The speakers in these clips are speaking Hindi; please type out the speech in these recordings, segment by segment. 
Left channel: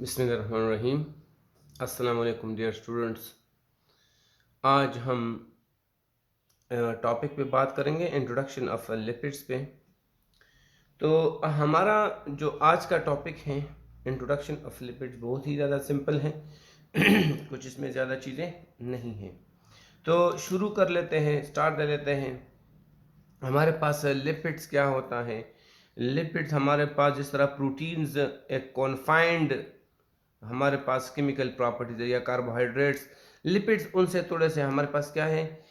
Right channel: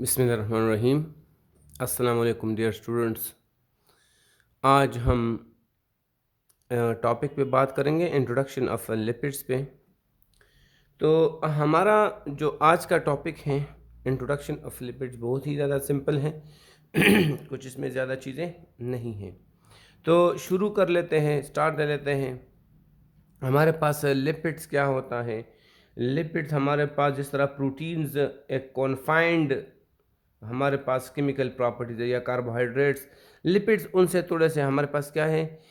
बिस्मिल्लाहिर्रहमानिर्रहीम। अस्सलाम वालेकुम डियर स्टूडेंट्स। आज हम टॉपिक पे बात करेंगे इंट्रोडक्शन ऑफ लिपिड्स पे। तो हमारा जो आज का टॉपिक है इंट्रोडक्शन ऑफ लिपिड्स बहुत ही ज़्यादा सिंपल है। कुछ इसमें ज़्यादा चीज़ें नहीं हैं। तो शुरू कर लेते हैं, स्टार्ट कर लेते हैं। हमारे पास लिपिड्स क्या होता है? लिपिड्स हमारे पास जिस तरह प्रोटीन्स एक कॉन्फाइंड हमारे पास केमिकल प्रॉपर्टीज है या कार्बोहाइड्रेट्स, लिपिड्स उनसे थोड़े से हमारे पास क्या है,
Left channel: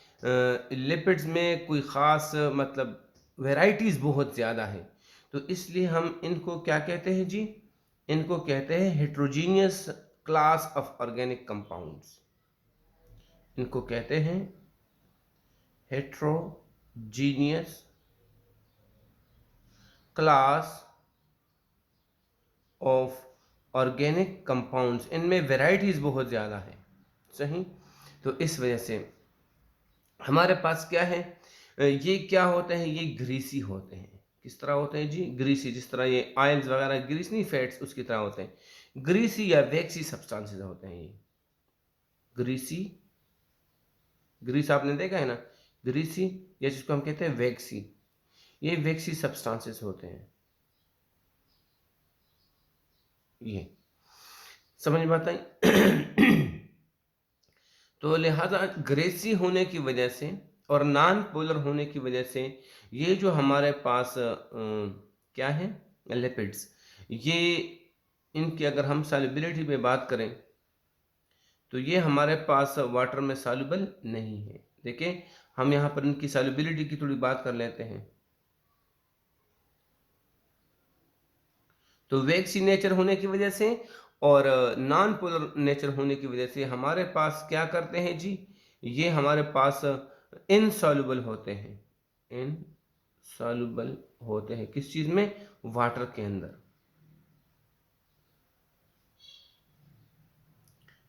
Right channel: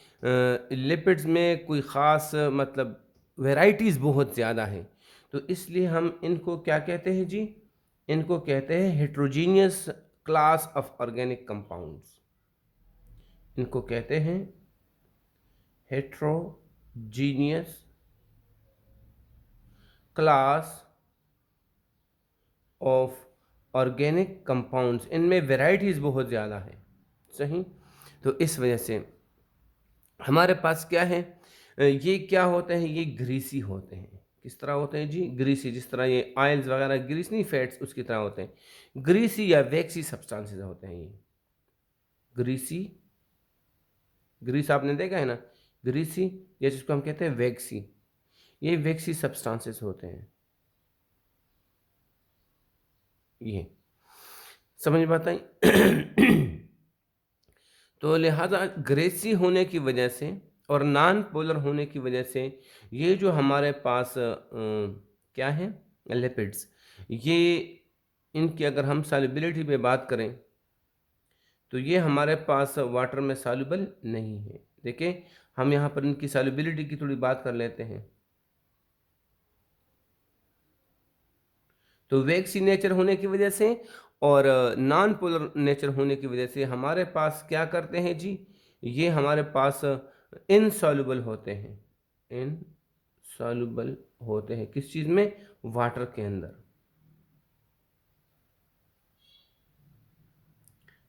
लिपिड्स में कोई ख़ास मतलब वैरायटीज़ बहुत ज़्यादा हैं। तो इसलिए हम इनको क्या कहते हैं जी? इनको कहते हैं heterogeneous class of organic compounds. इनको कहते हैं heterogeneous class of organic compounds. इनमें वैरायटीज़ बहुत ज़्यादा है, सही। तो इस वजह से हमारे पास क्या है, ये क्या होते हैं, ये ग्रीसी होते हैं। किस तरह होते हैं जी? ग्रीसी। जिस तरह ये ऑयल्स वगैरह ग्रीस नहीं, फैट्स उसकी तरह होते हैं। ग्रीसी या वैक्सी सब्सटेंसेस होते हैं ये। ग्रीसी, ग्रीस आपने देखा है ना, ग्रीसी, या जिसको हम कहते हैं वैक्सी, ये वैक्सी सब्सटेंसेस होते हैं। ये समझ में आता है? तो लिहाजा ग्रेसी होने की वजह से और नॉन पोलर होने की वजह से ये जो हमारे पास क्या है, लिपिड्स, ये इनकी अगर हम सॉल्युबिलिटी पे बात करें तो ये हमारे पास वाटर में सॉल्युबल नहीं है। देखिए, हम यहाँ पर इनकी सॉल्युबिलिटी की थोड़ी बात कर लेते हैं। तो वैक्सी नेचर होने की वजह से और नॉन पोलर नेचर होने की वजह से हमारे पास क्या करते हैं जी, ये हमारे पास इनसॉल्युबल होते हैं। इनसॉल्युबल होते हैं किस चीज़ में? वाटर के अंदर।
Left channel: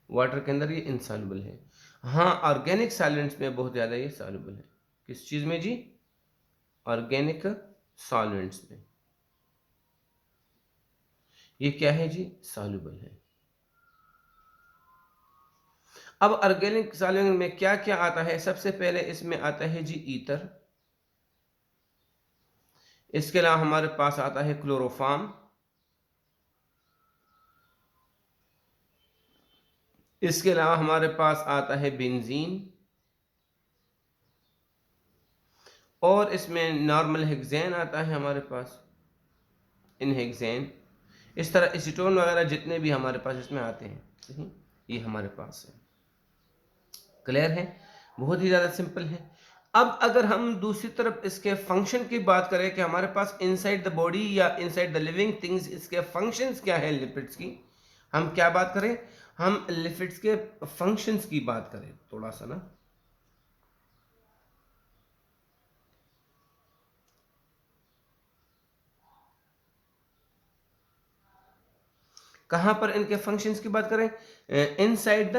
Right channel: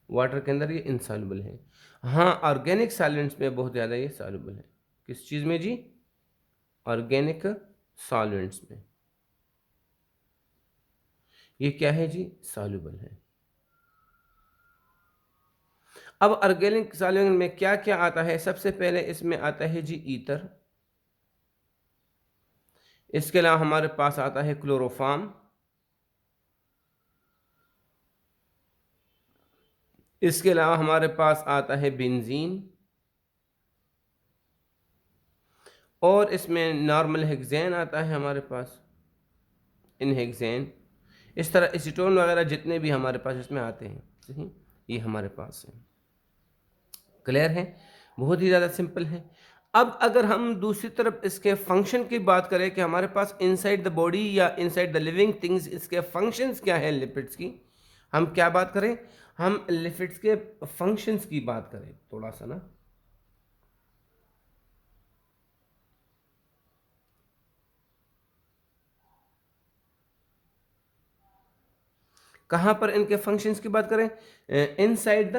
वाटर के अंदर ये इनसॉल्युबल है। हाँ, ऑर्गेनिक सॉल्वेंट्स में बहुत ज़्यादा ये सॉल्युबल है। किस चीज़ में जी? ऑर्गेनिक सॉल्वेंट्स में ये क्या है जी? सॉल्युबल है। अब ऑर्गेनिक सॉल्वेंट में क्या क्या आता है? सबसे पहले इसमें आता है जी ईथर। इसके अलावा हमारे पास आता है क्लोरोफॉर्म। इसके अलावा हमारे पास आता है बेंजीन। और इसमें नॉर्मल हेक्सेन आता है हमारे पास, इन हेक्सेन। इस तरह एसीटोन वगैरह जितने भी हमारे पास इसमें आते हैं, सही, ये हमारे पास है। क्लियर है? बहुत ही ज़्यादा सिंपल है। अब अगर हम दूसरी तरफ इसके फंक्शन की बात करें कि हमारे पास इनसाइड द बॉडी या इनसाइड द लिविंग थिंग्स इसके फंक्शंस क्या हैं लिपिड्स की, हम क्या बात करें? हम लिपिड्स के फंक्शंस की बात करें थोड़ा सा ना। कहाँ पर इनके फंक्शंस की बात करें? इनसाइड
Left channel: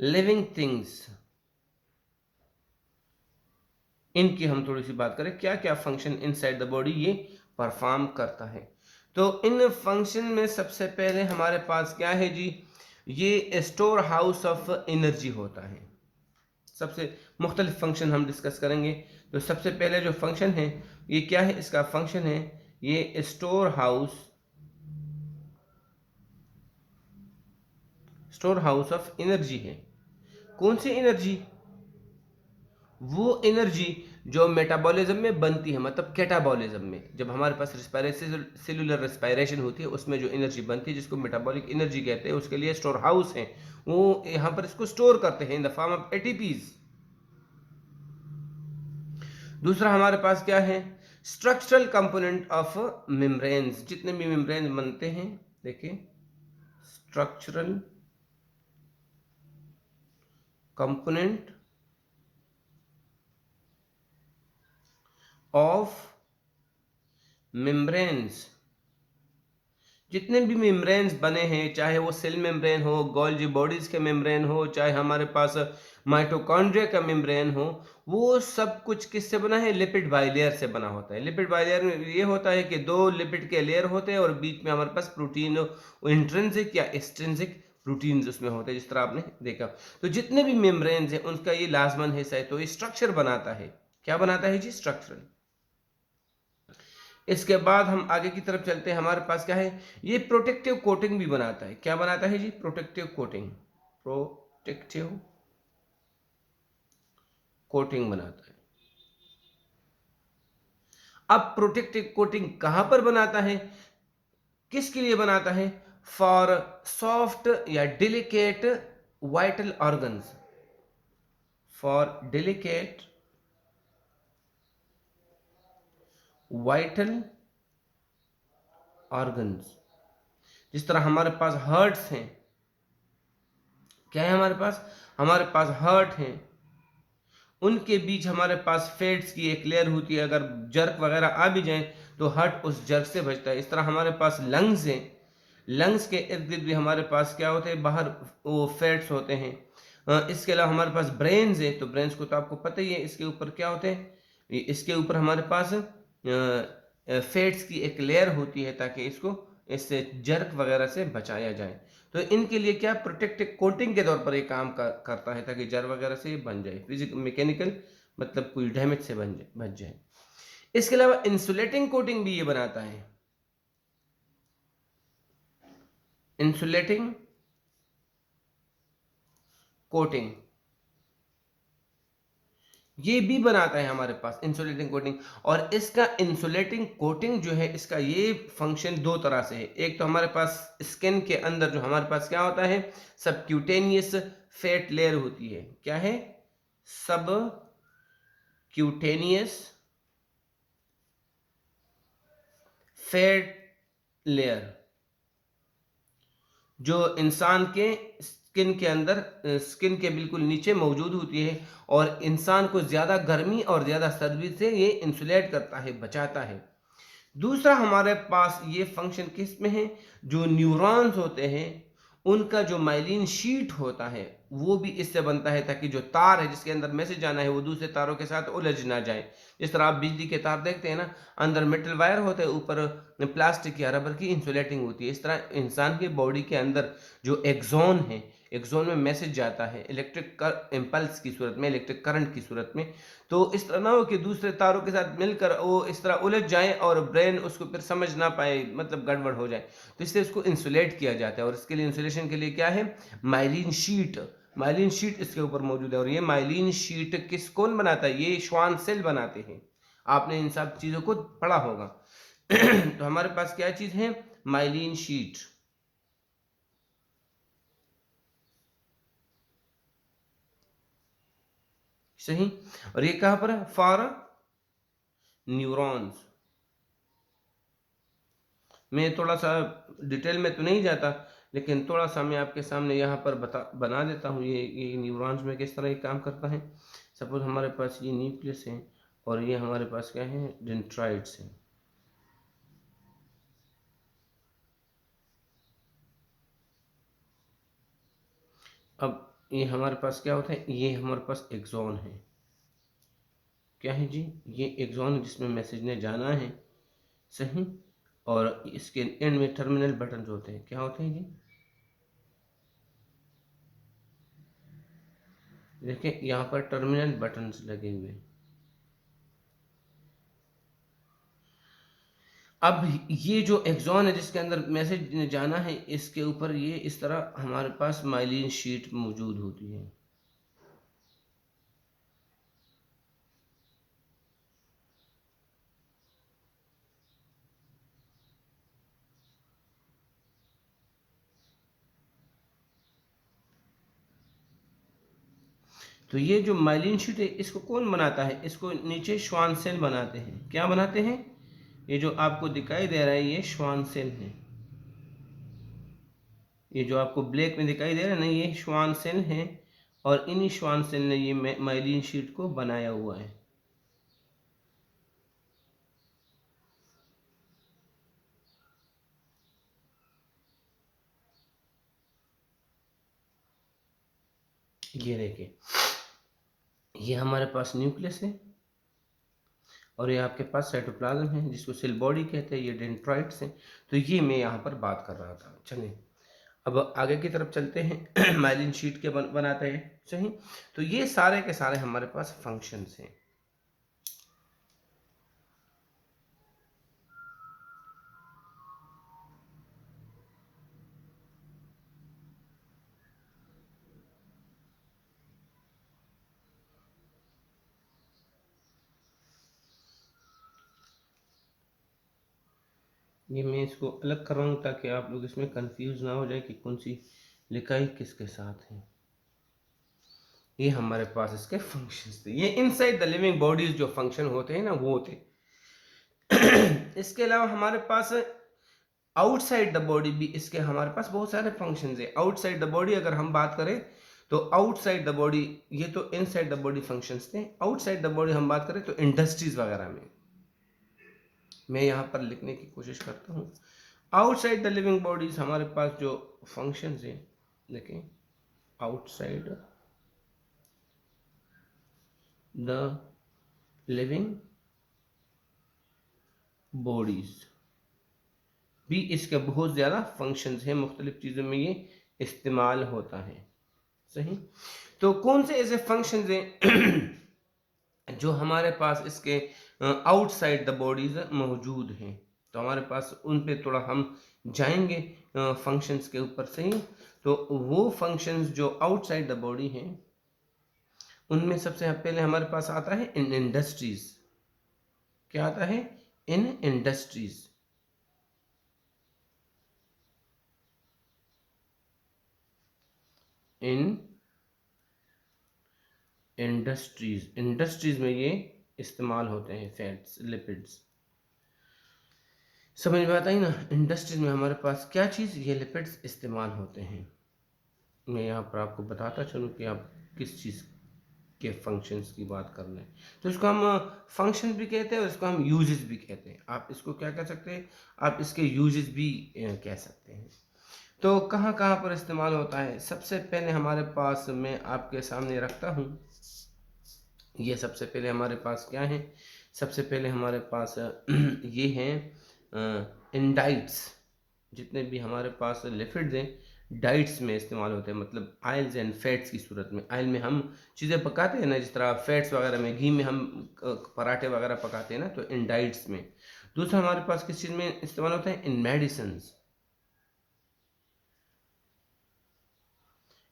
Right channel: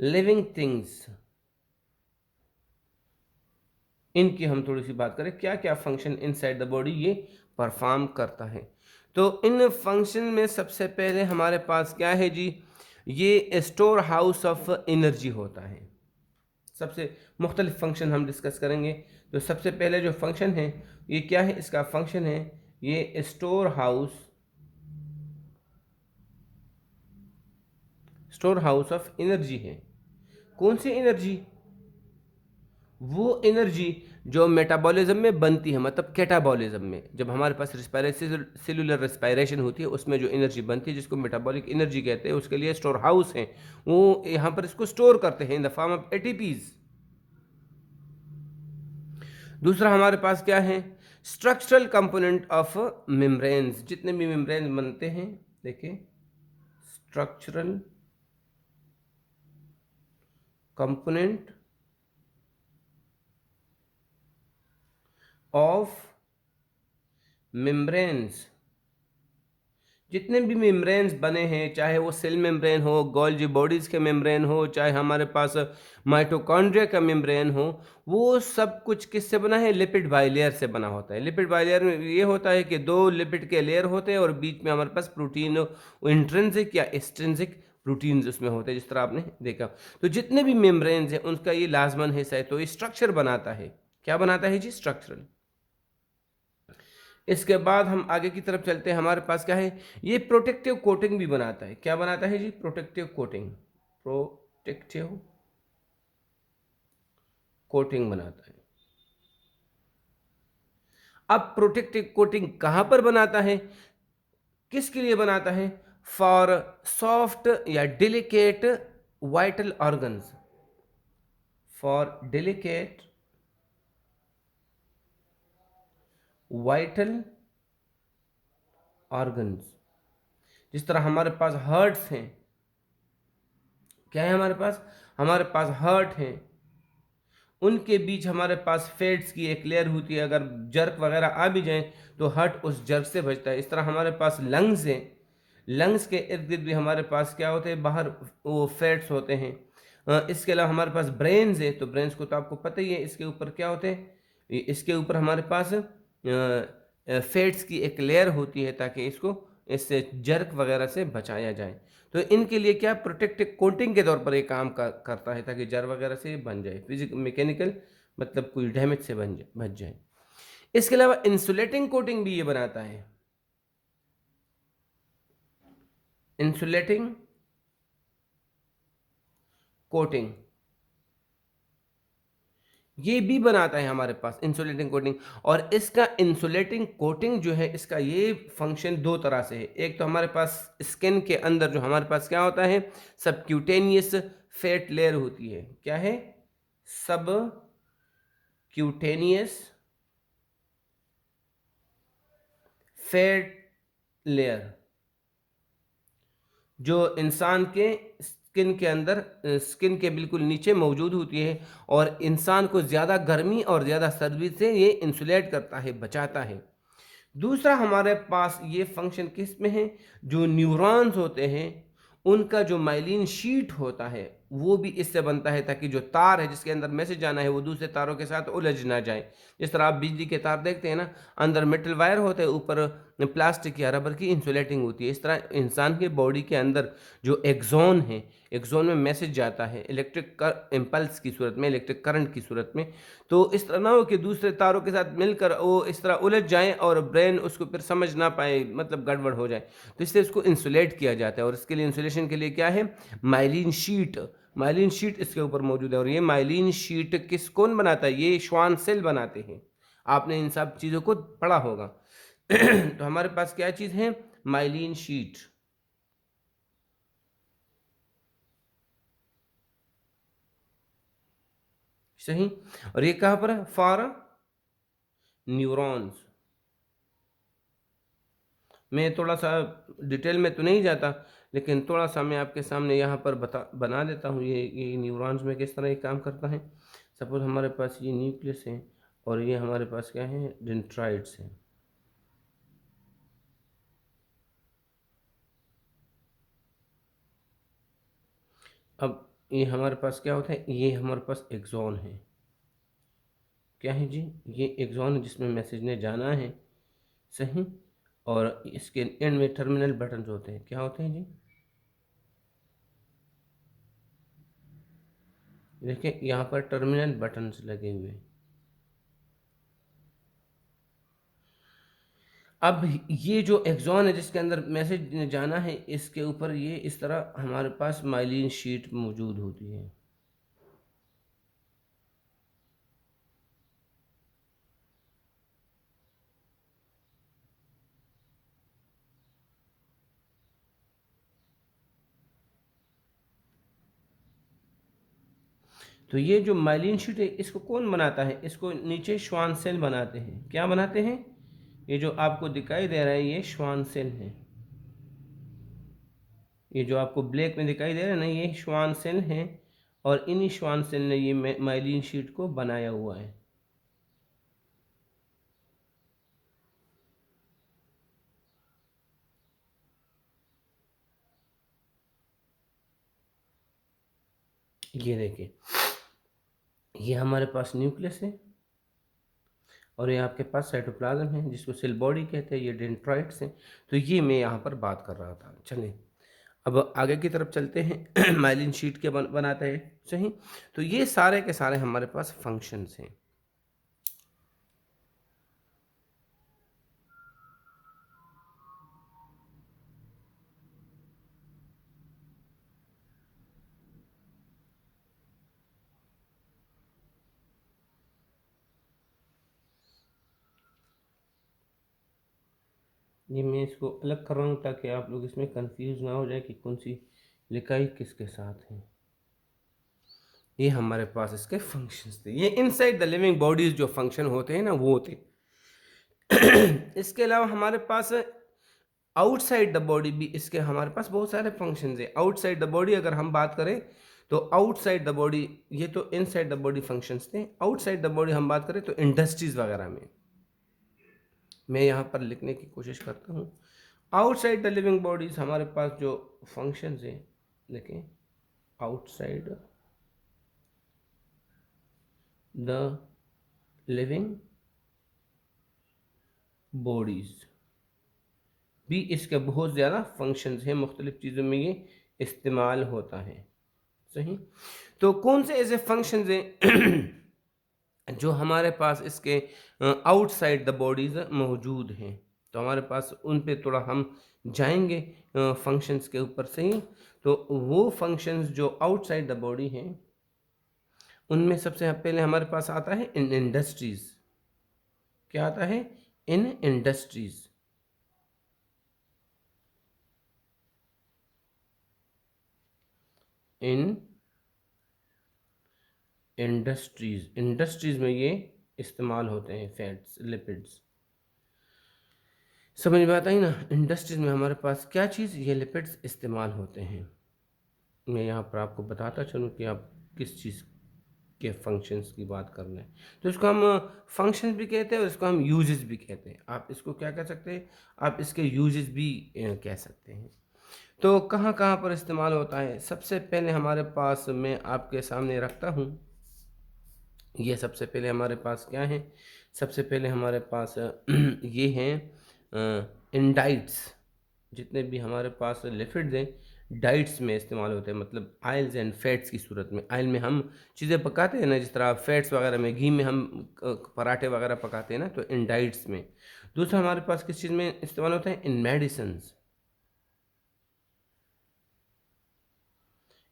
लिविंग थिंग्स, इनकी हम थोड़ी सी बात करें, क्या क्या फंक्शन इनसाइड द बॉडी ये परफॉर्म करता है। तो इन फंक्शन में सबसे पहले हमारे पास क्या है जी, ये स्टोर हाउस ऑफ एनर्जी होता है। सबसे मुख्तलिफ फंक्शन हम डिस्कस करेंगे। तो सबसे पहले जो फंक्शन है, ये क्या है? इसका फंक्शन है ये स्टोर हाउस ऑफ एनर्जी है। कौन सी एनर्जी? वो एनर्जी जो मेटाबॉलिज्म में बनती है, मतलब कैटाबॉलिज्म में, जब हमारे पास सेलुलर रेस्पायरेशन होती है उसमें जो एनर्जी बनती है जिसको मेटाबॉलिक एनर्जी कहते हैं, उसके लिए स्टोर हाउस है। वो यहाँ पर इसको स्टोर करते हैं in the form of ATPs. दूसरा हमारे पास क्या है? Structural component of membranes. जितने भी मेम्ब्रेन बनते हैं, देखिए, स्ट्रक्चरल कंपोनेंट ऑफ मेम्ब्रेन्स, जितने भी मेम्ब्रेन्स बने हैं, चाहे वो सेल मेम्ब्रेन हो, गोल्जी बॉडीज़ के मेम्ब्रेन हो, चाहे हमारे पास माइटोकॉन्ड्रिया का मेम्ब्रेन हो, वो सब कुछ किससे बना है? लिपिड बाइलेयर से बना होता है। लिपिड बाइलेयर में ये होता है कि 2 लिपिड के लेयर होते हैं और बीच में हमारे पास प्रोटीन इंट्रिंसिक या एक्सट्रिंसिक प्रोटीन्स उसमें होते हैं, जिस तरह आपने देखा। तो जितने भी मेम्ब्रेन्स हैं, उनका ये लाज़मन हिस्सा है, तो ये स्ट्रक्चर बनाता है। क्या बनाता है जी? स्ट्रक्चरल। इसके बाद हम आगे की तरफ चलते हैं, हमारे पास क्या है? ये प्रोटेक्टिव कोटिंग भी बनाता है। क्या बनाता है जी? Protective coating. प्रोटेक्टिव कोटिंग बनाता है। अब प्रोटेक्टिव कोटिंग कहां पर बनाता है? किसके लिए बनाता है? फॉर सॉफ्ट या delicate vital organs. For delicate vital organs. जिस तरह हमारे पास हर्ट्स हैं, क्या है हमारे पास? हमारे पास हर्ट हैं, उनके बीच हमारे पास फैट्स की एक लेयर होती है। अगर जर्क वगैरह आ भी जाए तो हर्ट उस जर्क से बचता है। इस तरह हमारे पास लंग्स हैं, लंग्स के इर्द गिर्द भी हमारे पास क्या होते हैं? बाहर वो फैट्स होते हैं। इसके अलावा हमारे पास ब्रेन्स है, तो ब्रेन्स को तो आपको पता ही है, इसके ऊपर क्या होते हैं? इसके ऊपर हमारे पास फैट्स की एक लेयर होती है, ताकि इसको इससे जर्क वगैरह से बचाया जाए। तो इनके लिए क्या प्रोटेक्टिव कोटिंग के तौर पर ये काम करता है, ताकि जर वगैरह से बन जाए, फिजिक मैकेनिकल मतलब कोई डैमेज से बच जाए। इसके अलावा इंसुलेटिंग कोटिंग भी ये बनाता है। इंसुलेटिंग कोटिंग ये भी बनाता है हमारे पास, इंसुलेटिंग कोटिंग। और इसका इंसुलेटिंग कोटिंग जो है, इसका ये फंक्शन दो तरह से है। एक तो हमारे पास स्किन के अंदर जो हमारे पास क्या होता है? सबक्यूटेनियस फैट लेयर होती है। क्या है? सब क्यूटेनियस फैट लेयर, जो इंसान के स्किन के अंदर, स्किन के बिल्कुल नीचे मौजूद होती है, और इंसान को ज़्यादा गर्मी और ज़्यादा सर्दी से ये इंसुलेट करता है, बचाता है। दूसरा हमारे पास ये फंक्शन किस में है? जो न्यूरॉन्स होते हैं, उनका जो माइलिन शीट होता है, वो भी इससे बनता है, ताकि जो तार है जिसके अंदर मैसेज जाना है, वो दूसरे तारों के साथ उलझ ना जाए। जिस तरह आप बिजली के तार देखते हैं ना, अंदर मेटल वायर होते हैं, ऊपर प्लास्टिक या रबर की इंसुलेटिंग होती है। इस तरह इंसान के बॉडी के अंदर जो एक्सॉन है, एक्सॉन में मैसेज जाता है इलेक्ट्रिक इम्पल्स की सूरत में, इलेक्ट्रिक करंट की सूरत में। तो इस तरह ना हो कि दूसरे तारों के साथ मिलकर वो इस तरह उलझ जाएं और ब्रेन उसको फिर समझ ना पाए, मतलब गड़बड़ हो जाए। तो इससे इसको इंसुलेट किया जाता है, और इसके लिए इंसुलेशन के लिए क्या है? Myelin sheath. माइलिन शीट इसके ऊपर मौजूद है, और ये माइलिन शीट कौन बनाता है? ये श्वान सेल बनाते हैं। आपने इन सब चीज़ों को पढ़ा होगा। तो हमारे पास क्या चीज़ है? Myelin sheath. सही। और ये कहाँ पर है? For neurons. मैं थोड़ा सा डिटेल में तो नहीं जाता, लेकिन थोड़ा सा मैं आपके सामने यहाँ पर बना देता हूँ, ये न्यूरॉन्स में किस तरह ये काम करता है। सपोज हमारे पास ये न्यूक्लियस है, और ये हमारे पास क्या है? डेंड्राइट्स हैं। अब ये हमारे पास क्या होता है? ये हमारे पास एक्सॉन है। क्या है जी? ये एक्सॉन है, जिसमें मैसेज ने जाना है। सही। और इसके एंड में टर्मिनल बटन होते हैं। क्या होते हैं जी? देखिए यहाँ पर टर्मिनल बटन्स लगे हुए हैं। अब ये जो एक्सॉन है जिसके अंदर मैसेज जाना है, इसके ऊपर ये इस तरह हमारे पास माइलिन शीट मौजूद होती है। तो ये जो माइलिन शीट है, इसको कौन बनाता है? इसको नीचे श्वान सेल बनाते हैं। क्या बनाते हैं? ये जो आपको दिखाई दे रहा है, ये श्वान सेल है। ये जो आपको ब्लैक में दिखाई दे रहा है ना, ये श्वान सेल है, और इन्हीं श्वान सेल ने ये माइलिन शीट को बनाया हुआ है। ये देखिए, ये हमारे पास न्यूक्लियस है और ये आपके पास साइटोप्लाज्म है जिसको सेल बॉडी कहते हैं, ये डेंड्राइट्स हैं। तो ये मैं यहाँ पर बात कर रहा था। चलिए अब आगे की तरफ चलते हैं। माइलिन शीट के बनाते हैं, सही। तो ये सारे के सारे हमारे पास फंक्शंस हैं। ये मैं इसको अलग कर रहा हूँ ताकि आप लोग इसमें कंफ्यूज ना हो जाए कि कौन सी लिखाई किसके साथ है। ये हमारे पास इसके फंक्शंस थे। ये इनसाइड द लिविंग बॉडीज जो फंक्शन होते हैं ना, वो थे। इसके अलावा हमारे पास आउटसाइड द बॉडी भी, इसके हमारे पास बहुत सारे फंक्शंस हैं। आउटसाइड द बॉडी अगर हम बात करें तो आउटसाइड द बॉडी, ये तो इनसाइड द बॉडी फंक्शंस थे। आउटसाइड द बॉडी हम बात करें तो इंडस्ट्रीज वगैरह में, मैं यहाँ पर लिखने की कोशिश करता हूँ। आउटसाइड द लिविंग बॉडीज हमारे पास जो फंक्शंस हैं, देखें, आउटसाइड द लिविंग बॉडीज भी इसके बहुत ज़्यादा फंक्शंस हैं, मुख्तलिफ चीज़ों में ये इस्तेमाल होता है, सही। तो कौन से ऐसे फंक्शंस हैं जो हमारे पास इसके आउटसाइड द बॉडीज मौजूद हैं? तो हमारे पास उन पे थोड़ा हम जाएंगे फंक्शंस के ऊपर, सही। तो वो फंक्शंस जो आउटसाइड द बॉडी हैं, उनमें सबसे पहले हमारे पास आता है इन इंडस्ट्रीज। क्या आता है? इन इंडस्ट्रीज। इन इंडस्ट्रीज में ये इस्तेमाल होते हैं, फैट्स, लिपिड्स। समझ में आता है ना? इंडस्ट्रीज में हमारे पास क्या चीज़, ये लिपिड्स इस्तेमाल होते हैं। मैं यहाँ पर आपको बताता चलूँ कि आप किस चीज़ के फंक्शंस की बात कर रहे हैं। तो इसको हम फंक्शंस भी कहते हैं और इसको हम यूजेस भी कहते हैं। आप इसको क्या कह सकते हैं? आप इसके यूजेस भी कह सकते हैं। तो कहाँ कहाँ पर इस्तेमाल होता है? सबसे पहले हमारे पास, मैं आपके सामने रखता हूँ, ये सबसे पहले हमारे पास क्या है? सबसे पहले हमारे पास ये हैं इंडाइट्स। जितने भी हमारे पास लिपिड्स हैं, डाइट्स में इस्तेमाल होते हैं, मतलब आयल्स एंड फैट्स की सूरत में। आयल में हम चीज़ें पकाते हैं ना, जिस तरह फैट्स वगैरह में, घी में हम पराठे वगैरह पकाते हैं ना, तो इन डाइट्स में। दूसरा हमारे पास किस चीज़ में इस्तेमाल होता है? इन मेडिसिन्स।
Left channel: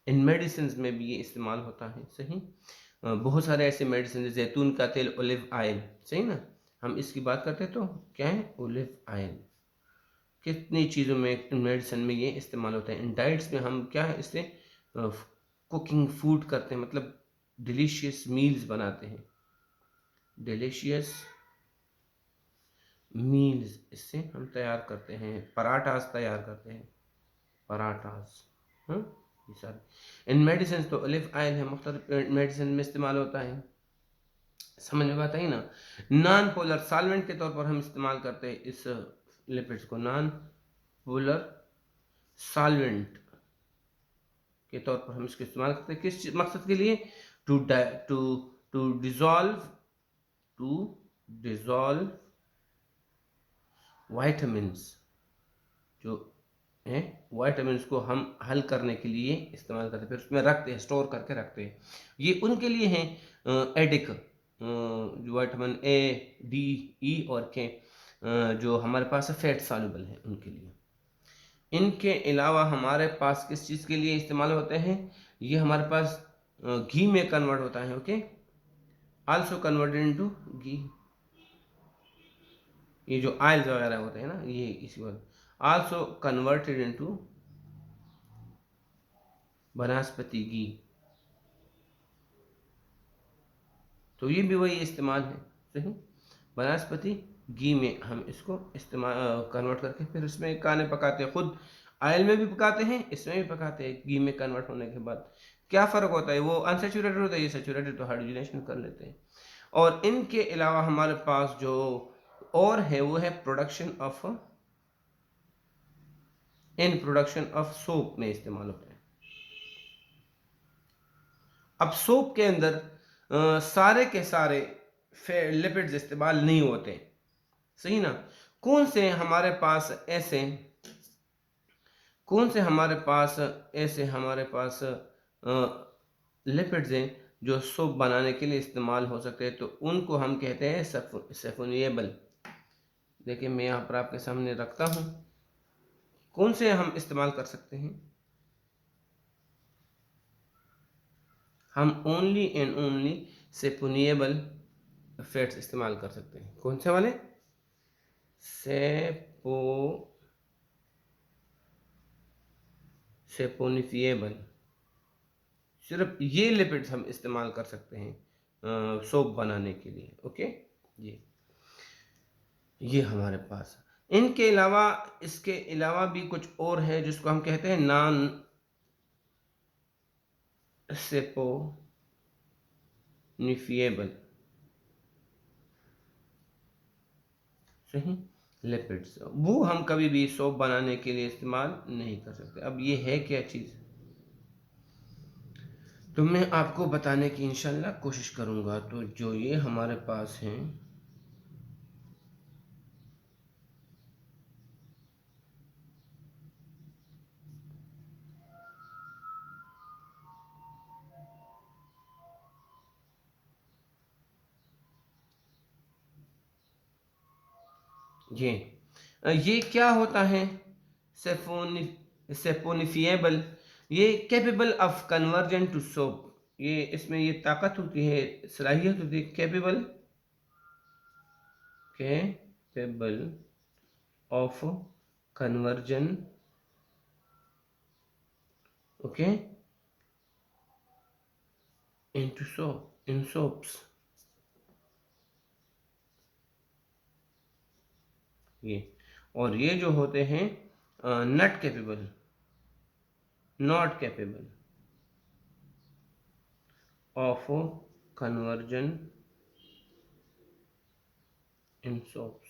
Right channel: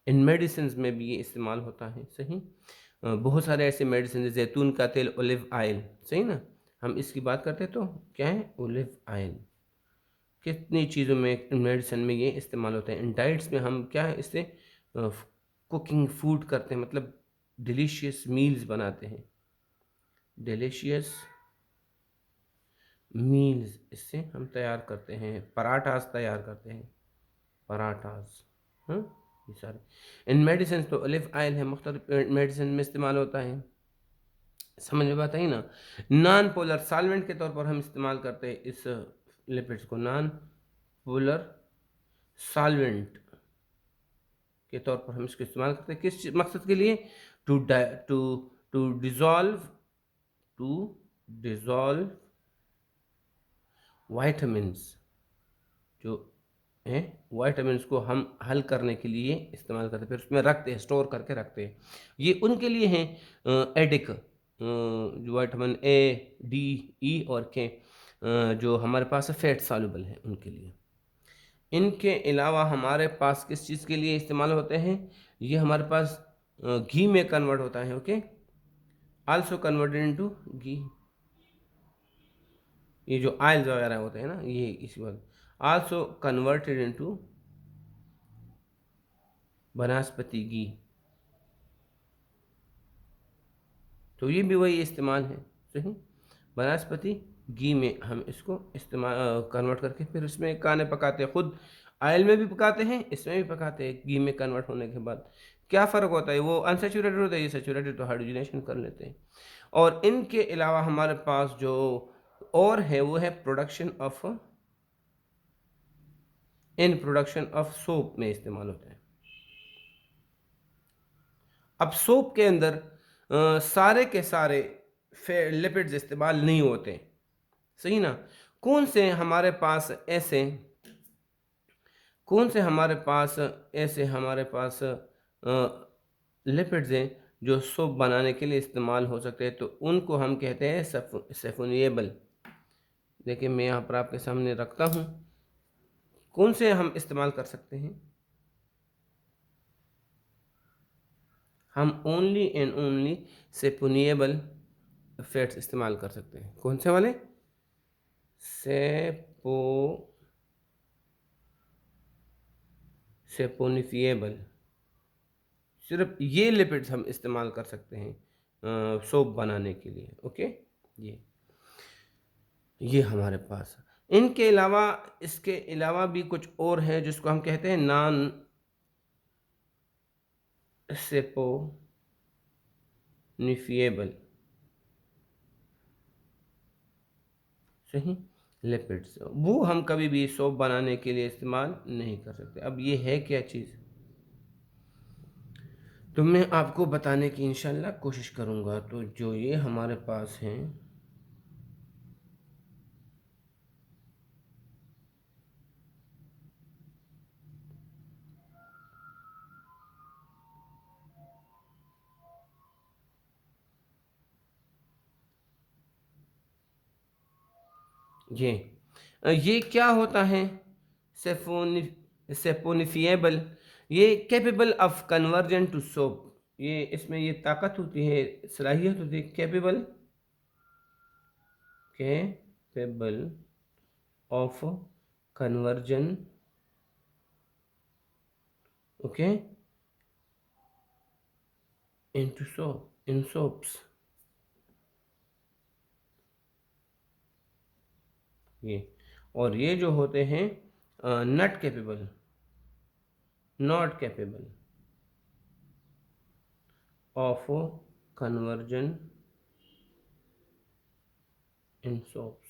इन मेडिसिन में भी ये इस्तेमाल होता है, सही। बहुत सारे ऐसे मेडिसिन, जैतून का तेल, ओलिव ऑयल, सही ना। हम इसकी बात करते हैं तो क्या है? Olive oil. कितनी चीज़ों में, मेडिसिन में ये इस्तेमाल होता है। इन डाइट्स में हम क्या है, इससे कुकिंग फूड करते हैं, मतलब डिलीशियस मील्स बनाते हैं। डिलीशियस मील्स इससे हम तैयार करते हैं, पराठास तैयार करते हैं, पराठास। हाँ, ये सारे इन मेडिसिन। तो ओलिव ऑयल है, मुख्तलिफ मेडिसिन में इस्तेमाल होता है। समझ में आता है ना? नॉन पोलर सॉल्वेंट के तौर पर हम इस्तेमाल करते हैं इस लिपिड्स को, नॉन पोलर सॉल्वेंट के तौर पर हम इसको इस्तेमाल करते हैं। किस मकसद के लिए? To to to dissolve, to dissolve vitamins, जो है वाइटामिन्स को हम हल करने के लिए इस्तेमाल करते हैं, फिर उसमें रखते हैं, स्टोर करके रखते हैं। ये उनके लिए हैं एडिक, जो विटामिन ए, डी, ई और के, जो हमारे पास फैट सॉल्युबल है, उनके लिए। इनके अलावा हमारे पास किस चीज़ के लिए इस्तेमाल होते हैं? ये हमारे पास घी में कन्वर्ट होता है, ओके, आल्सो कन्वर्टेड इनटू घी। ये जो ऑयल्स वगैरह होते हैं ना, ये इसी बात, आल्सो कन्वर्टेड इनटू वनस्पति घी। तो ये भी वही इस्तेमाल है, सही। वनस्पति घी में हम इसको इस्तेमाल कन्वर्ट करके फिर इसमें खाने पकाते हैं। खुद ऑयल में भी पकाते हैं, इसमें भी पकाते हैं, घी में कन्वर्ट होने के बाद। क्या फ़र्क होता है? वो अनसेचुरेटेड होता है, ये सेचुरेटेड, तो हाइड्रोजनेशन कर लेते हैं। और इनके अलावा हमारे पास जो और है वो है production of, in production of soap में इस्तेमाल होता है। अब सोप के अंदर सारे के सारे लिपिड्स इस्तेमाल नहीं होते, सही ना। कौन से हमारे पास ऐसे कौन से हमारे पास ऐसे हमारे पास लिपिड्स हैं जो सोप बनाने के लिए इस्तेमाल हो सकते हैं, तो उनको हम कहते हैं सेफोनिएबल। देखिए मैं यहाँ पर आपके सामने रखता हूँ, कौन से हम इस्तेमाल कर सकते हैं। हम ओनली एंड ओनली सेफोनिएबल फैट्स इस्तेमाल कर सकते हैं। कौन से वाले? सेपोनिफिएबल। सिर्फ ये लिपिड्स हम इस्तेमाल कर सकते हैं सोप बनाने के लिए। ओके, ये हमारे पास। इनके अलावा इसके अलावा भी कुछ और है जिसको हम कहते हैं नॉन सेपोनिफिएबल, सही, लिपिड्स। वो हम कभी भी सोप बनाने के लिए इस्तेमाल नहीं कर सकते। अब ये है क्या चीज़, तो मैं आपको बताने की इंशाल्लाह कोशिश करूँगा। तो जो ये हमारे पास हैं, ये क्या होता है? सेफोनि सेपोनिफिएबल, ये capable of conversion to soap. ये इसमें ये ताकत होती है, सलाहियत होती है, capable of conversion, okay, into soap, in soaps. ये और ये जो होते हैं not capable of conversion in soaps.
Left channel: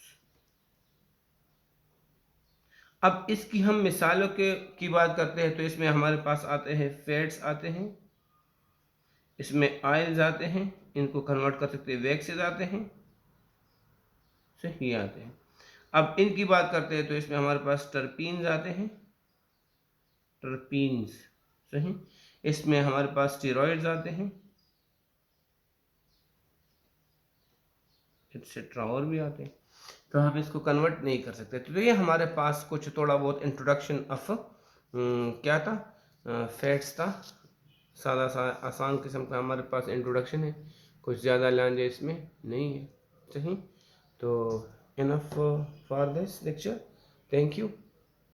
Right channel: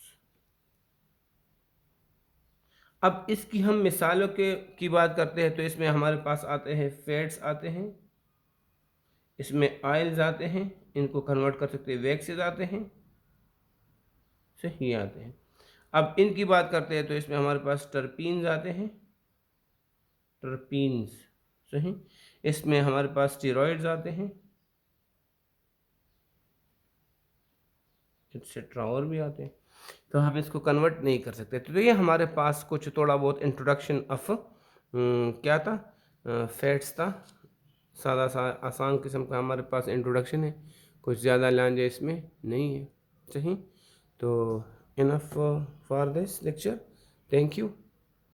अब इसकी हम मिसालों के की बात करते हैं, तो इसमें हमारे पास आते हैं फैट्स आते हैं, इसमें ऑयल्स आते हैं, इनको कन्वर्ट कर सकते हैं वैक्सेस आते हैं, सही आते हैं। अब इनकी बात करते हैं तो इसमें हमारे पास टर्पीन्स आते हैं, टर्पीन्स, सही। इसमें हमारे पास स्टेरॉइड्स आते हैं, एटसेट्रा और भी आते हैं। तो हम इसको कन्वर्ट नहीं कर सकते। तो ये हमारे पास कुछ थोड़ा बहुत इंट्रोडक्शन ऑफ क्या था, फैट्स था। सादा सा आसान किस्म का हमारे पास इंट्रोडक्शन है, कुछ ज़्यादा लांझे इसमें नहीं है, सही। तो enough for this lecture, thank you.